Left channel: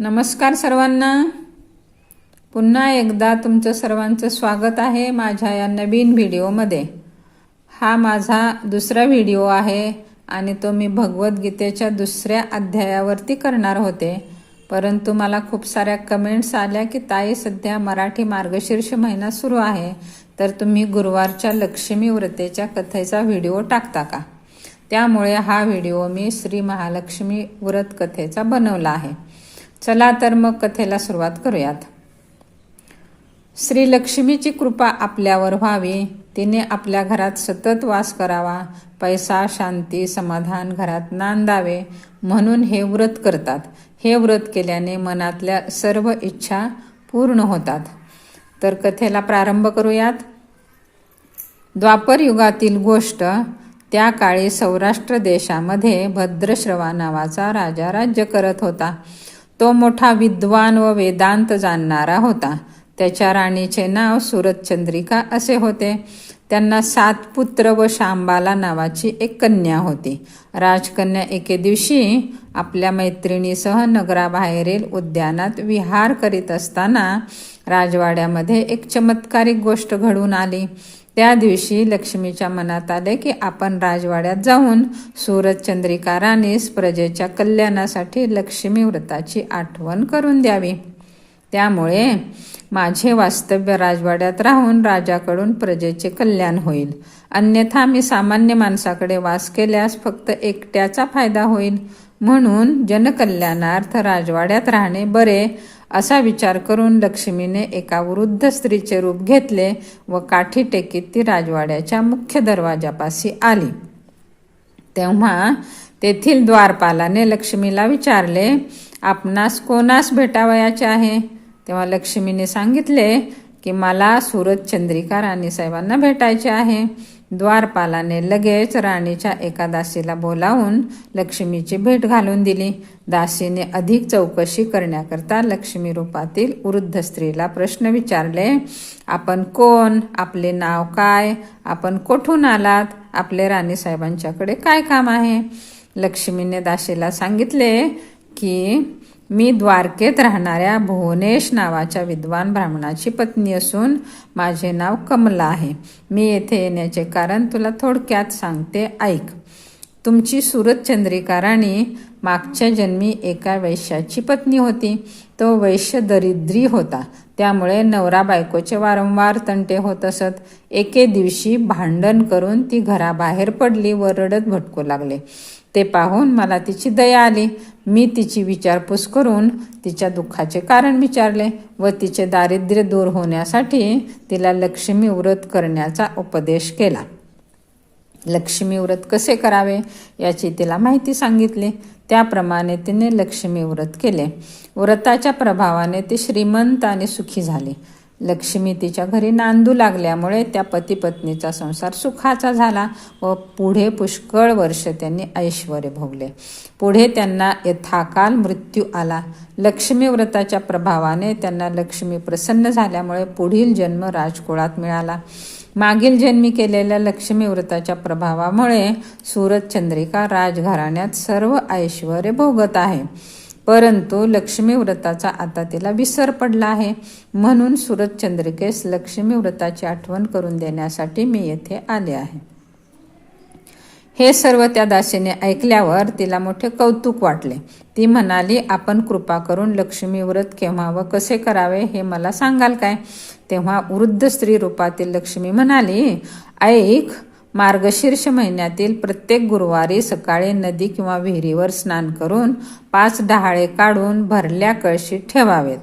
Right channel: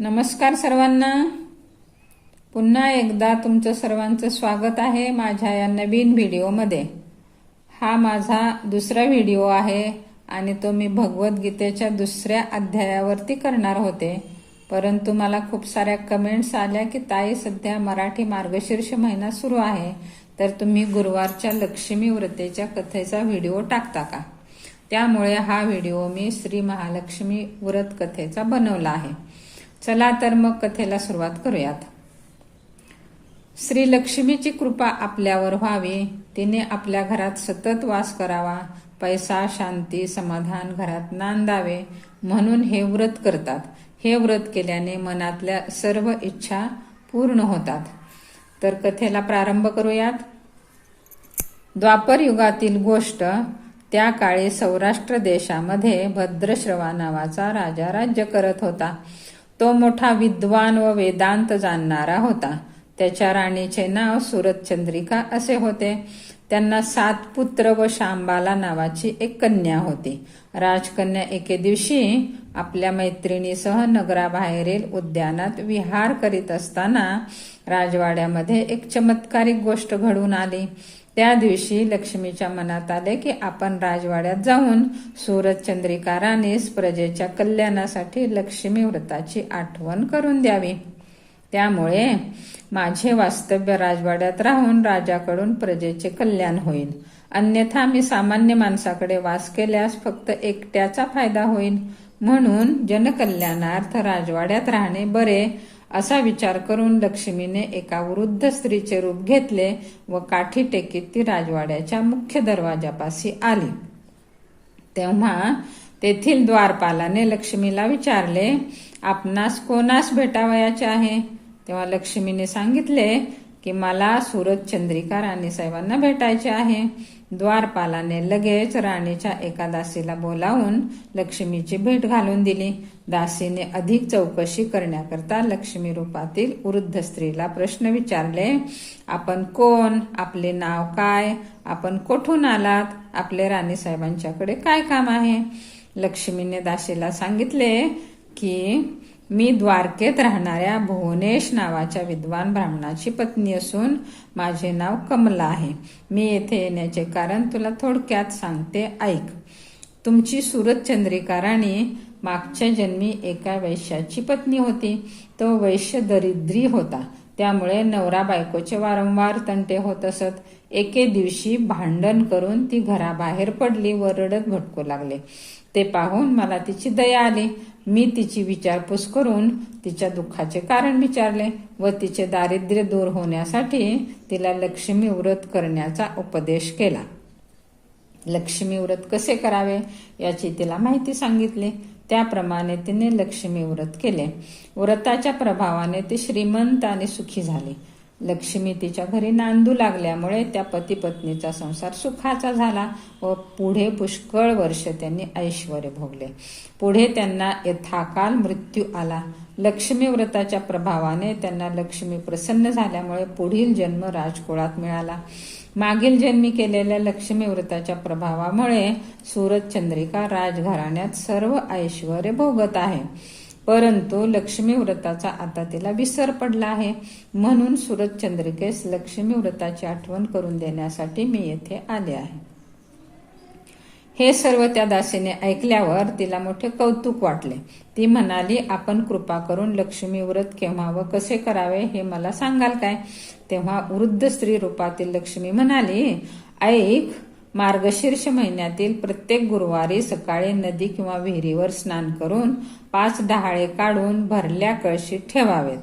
नमस्कार सर्वांना, पुन्हा एकदा तुमचं सर्वांचं स्वागत आहे माझ्या या नवीन व्हिडिओमध्ये। हा माझा दुसरा व्हिडिओ आहे आणि तो मी भगवद्गीतेच्या दुसऱ्या अध्यायावरती करणार होते, परंतु मला खूप साऱ्या कमेंट्स आल्या की ताई सध्या मराठी मार्गशीर्ष महिना सुरू आहे, तर तुम्ही गुरुवारच्या लक्ष्मी व्रतेच्या कथेचा व्हिडिओ टाकता का। त्यामुळे हा व्हिडिओ मी श्री महालक्ष्मी व्रत कथेचा बनवला आहे। चला तर मग कथेला सुरुवात करूयात। श्री लक्ष्मीची कृपा आपल्यावर व्हावी, तिने आपल्या घरात सतत वास करावा, पैसा, शांती, समाधान घरात नांदावे म्हणून हे व्रत करतात। हे व्रत केल्याने मनातल्या सर्व इच्छा पूर्ण होतात। तर कथेला प्रारंभ करूयात। द्वापर युगातील गोष्ट। त्या काळी सौराष्ट्र देशामध्ये भद्रश्रवा नावाचा राजा राज्य करत होता। तो मोठा विद्वान व वेदांत जाणणारा होता। त्याच्या राणीचे नाव सुरतचंद्रिका असे होते। त्यांना 7 पुत्र व शांबाला नावाची एक कन्या होती। राजकन्या एके दिवशी आपल्या मैत्रिणीसह नगराबाहेरील उद्यानात विहार करीत असताना राजवाड्यामध्ये एक चमत्कारिक गोष्ट घडून आली। त्या दिवशी लक्ष्मीच्या मनात आले की आपण राजवाड्यात जाऊन सुरतचंद्रिका राणीस प्रजेच्या कल्याणासाठी लक्ष्मी व्रताची आठवण करून द्यावी। त्यामुळे माझे वास्तव्य राजवाड्यात राहून राजाकडून प्रजेचे कल्याण होईल, अन्यथा मी सामान्य माणसाकडे वास केल्यास फक्त एकट्याचा फायदा होईल, म्हणून जनकल्याणार्थ राजवाड्यात राहणे बरे असा विचार करून लक्ष्मीने एका वृद्ध स्त्रीचे रूप घेतले व काठी टेकीत ती राजवाड्याच्या मुख्य दरवाजापाशी आली। तेव्हा तेथील द्वारपालाने लक्ष्मीला विचारले, आपणास कोणास भेटावयाचे आहे। तेव्हा लक्ष्मीने सांगितले की मला सुरतचंद्रिका राणीसाहेबांना भेटायचे आहे। द्वारपालाने लगेच राणीच्या एका दासीला बोलावून लक्ष्मीची भेट घालून दिली। दासीने अधिक चौकशी करण्याकरता लक्ष्मी रूपातील वृद्ध स्त्रीला प्रश्न विचारले, आपण कोण, आपले नाव काय, आपण कोठून आलात, आपले राणीसाहेबांच्याकडे काय काम आहे। लक्ष्मीने दासीला सांगितले की मी द्वारकेत राहणाऱ्या भुवनेश नावाच्या विद्वान ब्राह्मणाची पत्नी असून माझे नाव कमला आहे। मी येथे येण्याचे कारण तुला थोडक्यात सांगते, ऐक। तुमची सुरतचंद्रिका राणी मागच्या जन्मी एका वैश्याची पत्नी होती। तो वैश्य दरिद्री होता, त्यामुळे नवरा बायकोचे वारंवार तंटे होत असत। एके दिवशी भांडण करून ती घराबाहेर पडली व रडत भटकू लागले। ते पाहून मला तिची दया आली। मी तिची विचारपूस करून तिच्या दुःखाचे कारण विचारले व तिचे दारिद्र्य दूर होण्यासाठी तिला लक्ष्मी व्रत करण्याचा उपदेश केला। लक्ष्मी व्रत कसे करावे याची तिला माहिती सांगितली। त्याप्रमाणे तिने लक्ष्मी व्रत केले। व्रताच्या प्रभावाने ती श्रीमंत आणि सुखी झाली। लक्ष्मी तिच्या घरी नांदू लागल्यामुळे त्या पती पत्नीचा संसार सुखाचा झाला व पुढे पुष्कळ वर्ष त्यांनी ऐश्वर्य भोगले। पुढे त्यांना यथाकाल मृत्यू आला। लक्ष्मी व्रताच्या प्रभावाने त्यांना लक्ष्मी प्रसन्न झाल्यामुळे पुढील जन्म राजकुळात मिळाला। मागील जन्मी केलेल्या लक्ष्मी व्रताच्या प्रभावामुळे सुरतचंद्रिका राजघराण्यात सर्व ऐश्वर्य भोगत आहे, परंतु लक्ष्मी व्रताचा आता तिला विसर पडला आहे, म्हणून सुरतचंद्रिकेस लक्ष्मी व्रताची आठवण करून देण्यासाठी मी येथे आले आहे। हे सर्व त्या दासीने ऐकल्यावर तिला मोठे कौतुक वाटले। ती म्हणाली, आपण कृपा करून लक्ष्मी व्रत केव्हा व कसे करावे हे मला सांगाल काय। तेव्हा वृद्ध स्त्री रूपातील लक्ष्मी म्हणाली, ऐक, मार्गशीर्ष महिन्यातील प्रत्येक गुरुवारी सकाळी नदी किंवा विहिरीवर स्नान करून 5 डहाळे काढून भरल्या कळशीत ठेवावेत।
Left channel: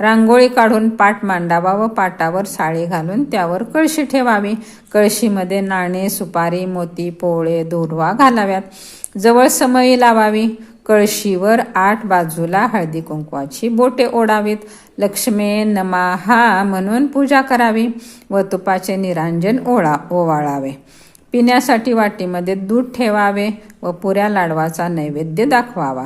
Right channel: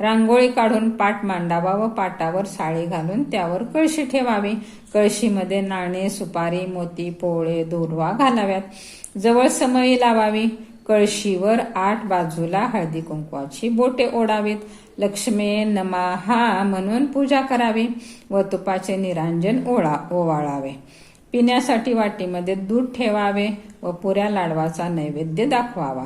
रांगोळी काढून पाट मांडावा व पाटावर साळी घालून त्यावर कळशी ठेवावी। कळशीमध्ये नाणे, सुपारी, मोती, पोळे, दुर्वा घालाव्यात। जवळ समई लावावी। कळशीवर 8 बाजूला हळदी कुंकवाची बोटे ओढावीत। लक्ष्मे नमः म्हणून पूजा करावी व तुपाचे निरांजन ओवाळावे। पिण्यासाठी वाटीमध्ये दूध ठेवावे व पुऱ्या लाडवाचा नैवेद्य दाखवावा।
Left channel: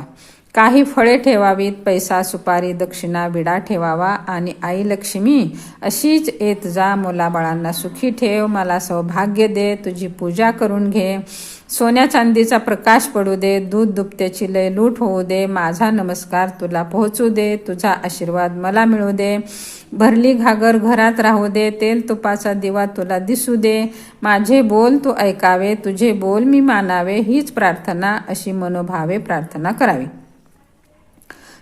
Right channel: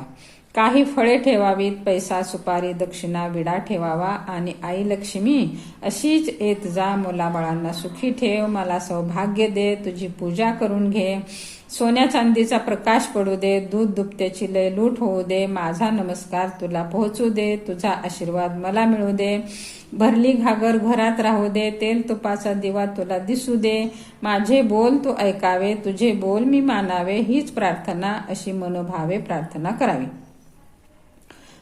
काही फळे ठेवावीत, पैसा सुपारी दक्षिणा विडा ठेवावा आणि आई लक्ष्मी अशीच येत जा, मुलाबाळांना सुखी ठेव, मला सौभाग्य दे, तुझी पूजा करून घे, सोन्या चांदीचा प्रकाश पडू दे, दूध दुभत्याची लय लूट होऊ दे, माझा नमस्कार तुला पोहोचू दे, तुझा आशीर्वाद मला मिळू दे, भरली घागर घरात राहू दे, तेल तुपाचा दिवा तुला दिसू दे, माझे बोल तू ऐकावे, तुझे बोल मी मानावे, हीच प्रार्थना अशी मनोभावे प्रार्थना करावी.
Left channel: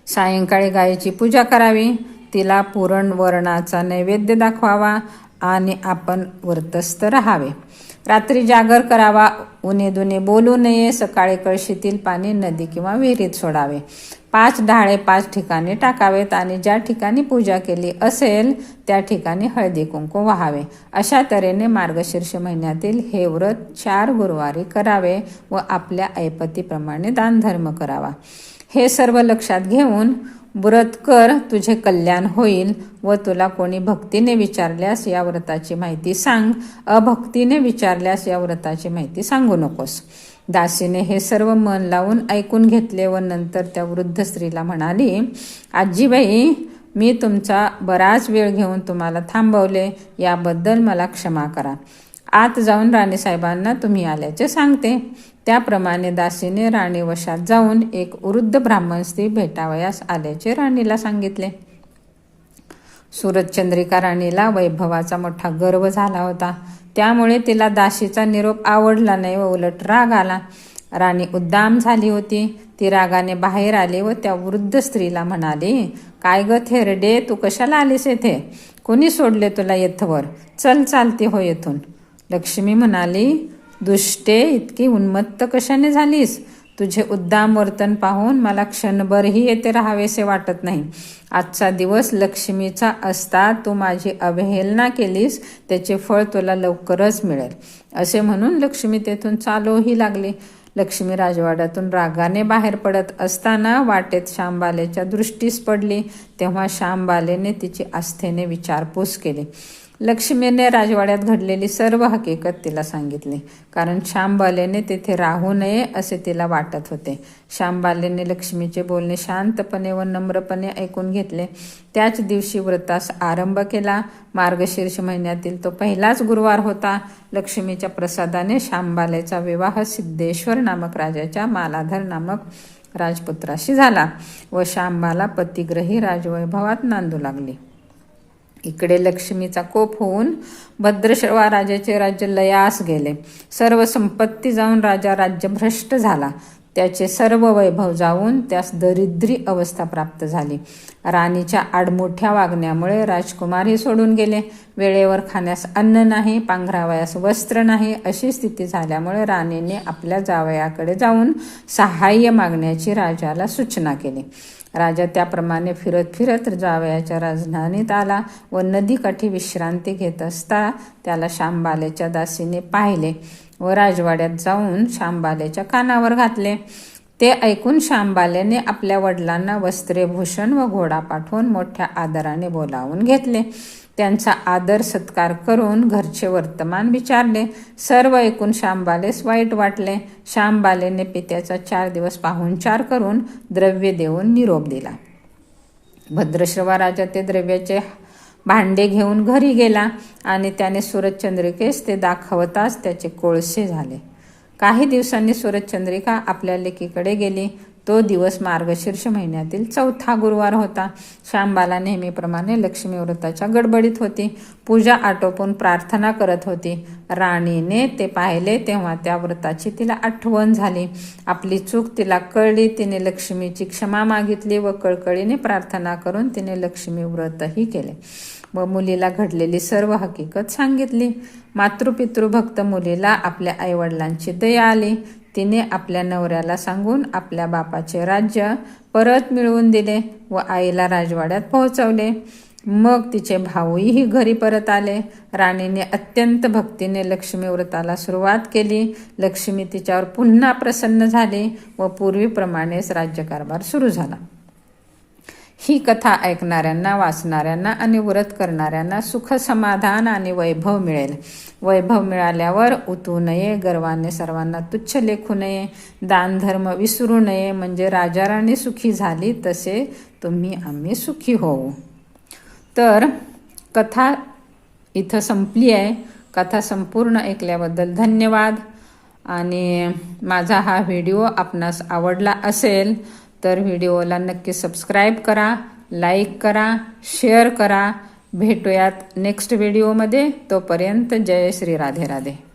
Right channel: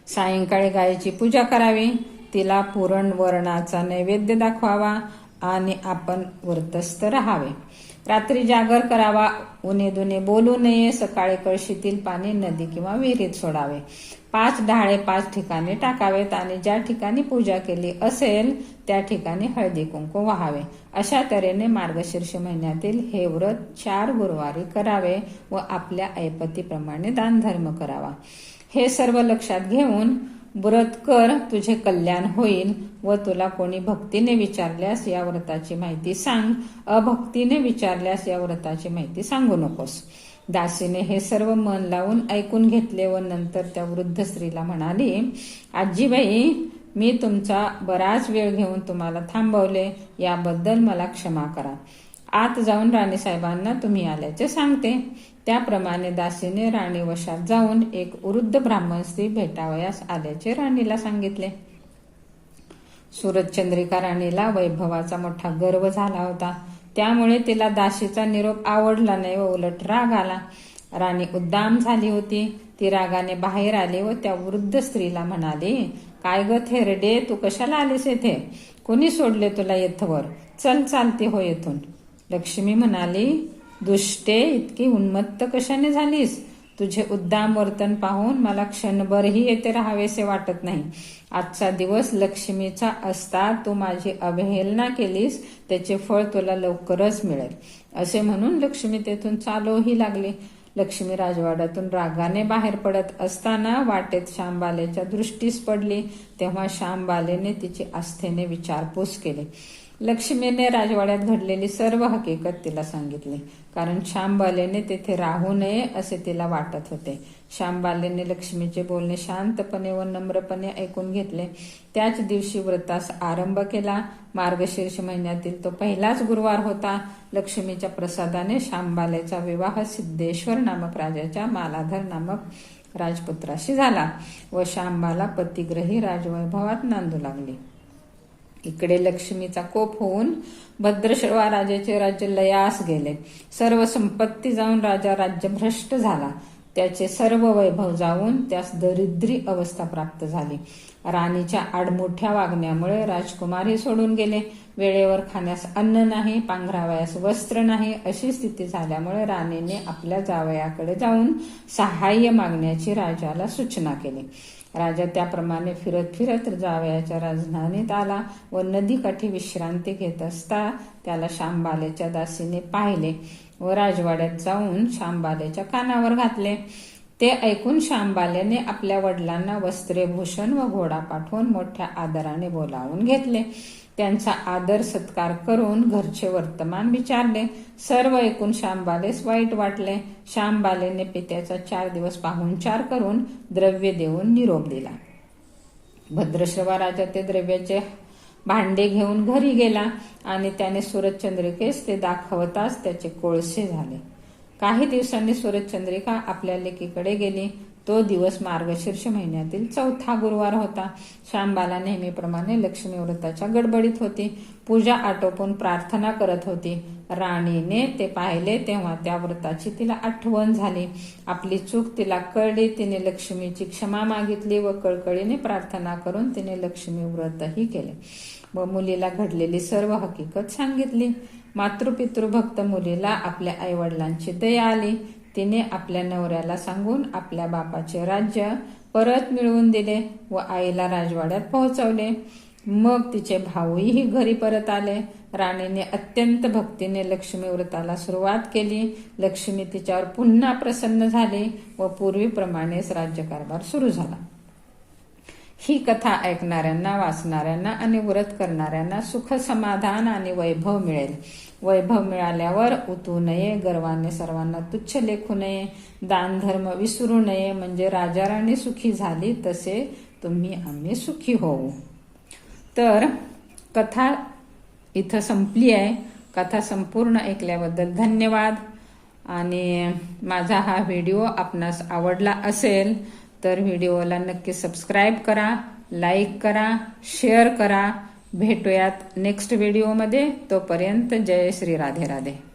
सायंकाळी गायीची पूजा करावी, तिला पुरण वरणाचा नैवेद्य दाखवावा आणि आपण व्रतस्थ राहावे. रात्री जागर करावा, उन्हे दुने बोलू नये, सकाळी कळशीतील पाणी नदी किंवा विहिरीत सोडावे. 5 ढाळे 5 ठिकाणी टाकावेत आणि ज्या ठिकाणी पूजा केली असेल त्या ठिकाणी हळदी कुंकू वाहावे. अशा तऱ्हेने मार्गशीर्ष महिन्यातील हे व्रत 4 गुरुवारी करावे व आपल्या ऐपतीप्रमाणे दानधर्म करावा. हे सर्व लक्षात घेऊन व्रत कर, तुझे कल्याण होईल व तुला कोणी भक्तीने विचारल्यास या व्रताची माहिती सांग, अभक्तीने विचारल्यास या व्रताची माहिती सांगू नकोस. दासीने हे सर्व मन लावून ऐकून घेतले व नंतर त्या वृद्ध स्त्रीला म्हणाली, आजीबाई, मी तुमचा बराच वेळ घेऊन तुम्हाला थांबवले, याबद्दल मला क्षमा करा. आत जाऊन राणीसाहेबांना तुम्ही आल्याचे सांगते. त्याप्रमाणे दासीने राणी वशात जाऊन एक वृद्ध ब्राह्मण स्त्री भेटावयास आल्याचे राणीला सांगितले. सूरजचंद्रिका राणीला वैभवाचा मोठा गर्व झाला होता, त्यामुळे तिला दासीचा निरोप आवडला नाही व उलट राग आला. राणी उद्दाम झाली होती. ती रागाने बाहेर आली व त्या वृद्ध स्त्रीला म्हणाली, काय ग थेरडे, तू कशाला आलीस येथे? कोणी सोडले तुला येथवर? चल, चालती हो येथून. लक्ष्मी म्हणाली, दुष्टे, इतकी उन्मत्त कशाने झालीस? तुझे उद्दाम वर्तन पाहून मला क्षणभरही येथे राहावेसे वाटत नाही. आजचा दिवस लक्ष्मीचा असता तू माझी अवहेलना केलीस, त्याचे फळ तुला लवकरच मिळेल. असे म्हणून लक्ष्मी तेथून चालूही लागली. लक्ष्मी राजवाड्यातून रागाने बाहेर पडत असताना वाटेत श्यामबालेच्या दृष्टीस पडली. तेव्हा श्यामबालेने तिची आस्थेने विचारपूस केली. लक्ष्मीने राजवाड्यात घडलेली सर्व हकीकत तिला सांगितली, कारण श्यामबालेने तेथे राहू नये असे तिला वाटत होते. श्यामबालेने लक्ष्मीचे बोलणे शांतपणे व नम्रपणे ऐकून घेतले. त्याच दिवशी व्रतास आरंभ केला. मार्गशीर्ष महिन्यातील तो पहिलाच गुरुवार होता. लक्ष्मीच्या प्रसादाने श्यामबालेचा विवाह सिद्धेश्वर नामक राजाच्या मालाधर नामक राजपुत्राशी झाला व श्यामबाला पतिग्रही राजवैभवात नांदू लागली. इकडे लक्ष्मीचा कोप होऊन भद्रश्रवा राजाचे राज्य लयास गेले. सर्व संपत्ती जाऊन राजा राज्यभ्रष्ट झाला. त्याचे सर्व वैभव जाऊन त्यास दरिद्री अवस्था प्राप्त झाली. राणीच्या आडमुठ्या वागण्यामुळे राजकुमारही सोडून गेले. वेळेवर खाण्यास अन्न नाही, पांघरावयास वस्त्र नाही, अशी स्थिती झाल्यामुळे राणीने आपल्या जावयाकडे जाऊन सहाय्य मागण्याची राजाला सूचना केली. राजा त्याप्रमाणे फिरत फिरत जावयाच्या राजधानीत आला व नदीकाठी विश्रांती घेत असता त्याला श्यामबालेच्या दासीने पाहिले व राजवाड्यात जाऊन श्यामबालेच्या कानावर घातले. ते ऐकून श्यामबालेने आपल्या वडिलांना वस्त्रे भूषण व घोडा पाठवून मोठ्या आदराने बोलावून घेतले. त्यांचा आदर सत्कार करून घरचे वर्तमान विचारले. सर्व ऐकून श्यामबालेस वाईट वाटले. श्यामबालेने पित्याचा 4 दिवस पाहुणचार करून द्रव्य देऊन निरोप दिला. भद्रश्रवा राजा ते द्रव्याचे भांडे घेऊन घरी गेला आणि त्याने सूरजचंद्रिकेस ते दाखवताच त्याचे कोळसे झाले. काही दिवसांनी सूरजचंद्रिका आपल्या लेकीकडे गेली. तो दिवस मार्गशीर्ष महिन्यातील 4था गुरुवार होता. श्यामबाला नेहमीप्रमाणे लक्ष्मी व्रताच्या गडबडीत होती. पूजा आटोपून प्रार्थना करत होती. राणीने ते पाहिले तेव्हा त्या व्रताची तिला आठवण झाली. आपली चूक तिला कळली. तिने लक्ष्मीची क्षमा मागितली व कळकळीने प्रार्थना करून तिने लक्ष्मी व्रतही केले व मुलीला घडलेली सर्व हकीकत सांगितली. मातृपितृभक्त मुलीला आपल्या आईवडिलांची दया आली. तिने आपल्या नवऱ्याला सांगून आपल्या बापाचे राज्य परत मिळवून दिले व आईला राजवाड्यात पोहोचवले. मग तिचे भाऊही घरी परत आले. राणीने अत्यंत भक्तीने लक्ष्मी व्रताला सुरुवात केली. लक्ष्मी तिच्यावर पुन्हा प्रसन्न झाली व पूर्वीप्रमाणेच राज्यकारभार सुरू झाला. ही कथा ऐकणाऱ्यांना, वाचणाऱ्यांना आणि व्रत करणाऱ्यांना सुख, समाधान आणि वैभव मिळेल. वैभव मिळाल्यावर उतू नये, गर्वाने सर्वांना तुच्छ लेखू नये, दान धर्म विसरू नये, म्हणजे राजाराणी सुखी झाली तसे तुम्ही आम्ही सुखी होऊ. तर कथा इथं संपली आहे. कथा संपूर्ण ऐकल्याबद्दल धन्यवाद. आणि माझा हा व्हिडिओ आपणास आवडला असेल तर व्हिडिओला नक्की सबस्क्राईब करा, लाईक करा, शेअर करा. भेटूयात नेक्स्ट व्हिडिओमध्ये. तोपर्यंत जय श्री राधे राधे.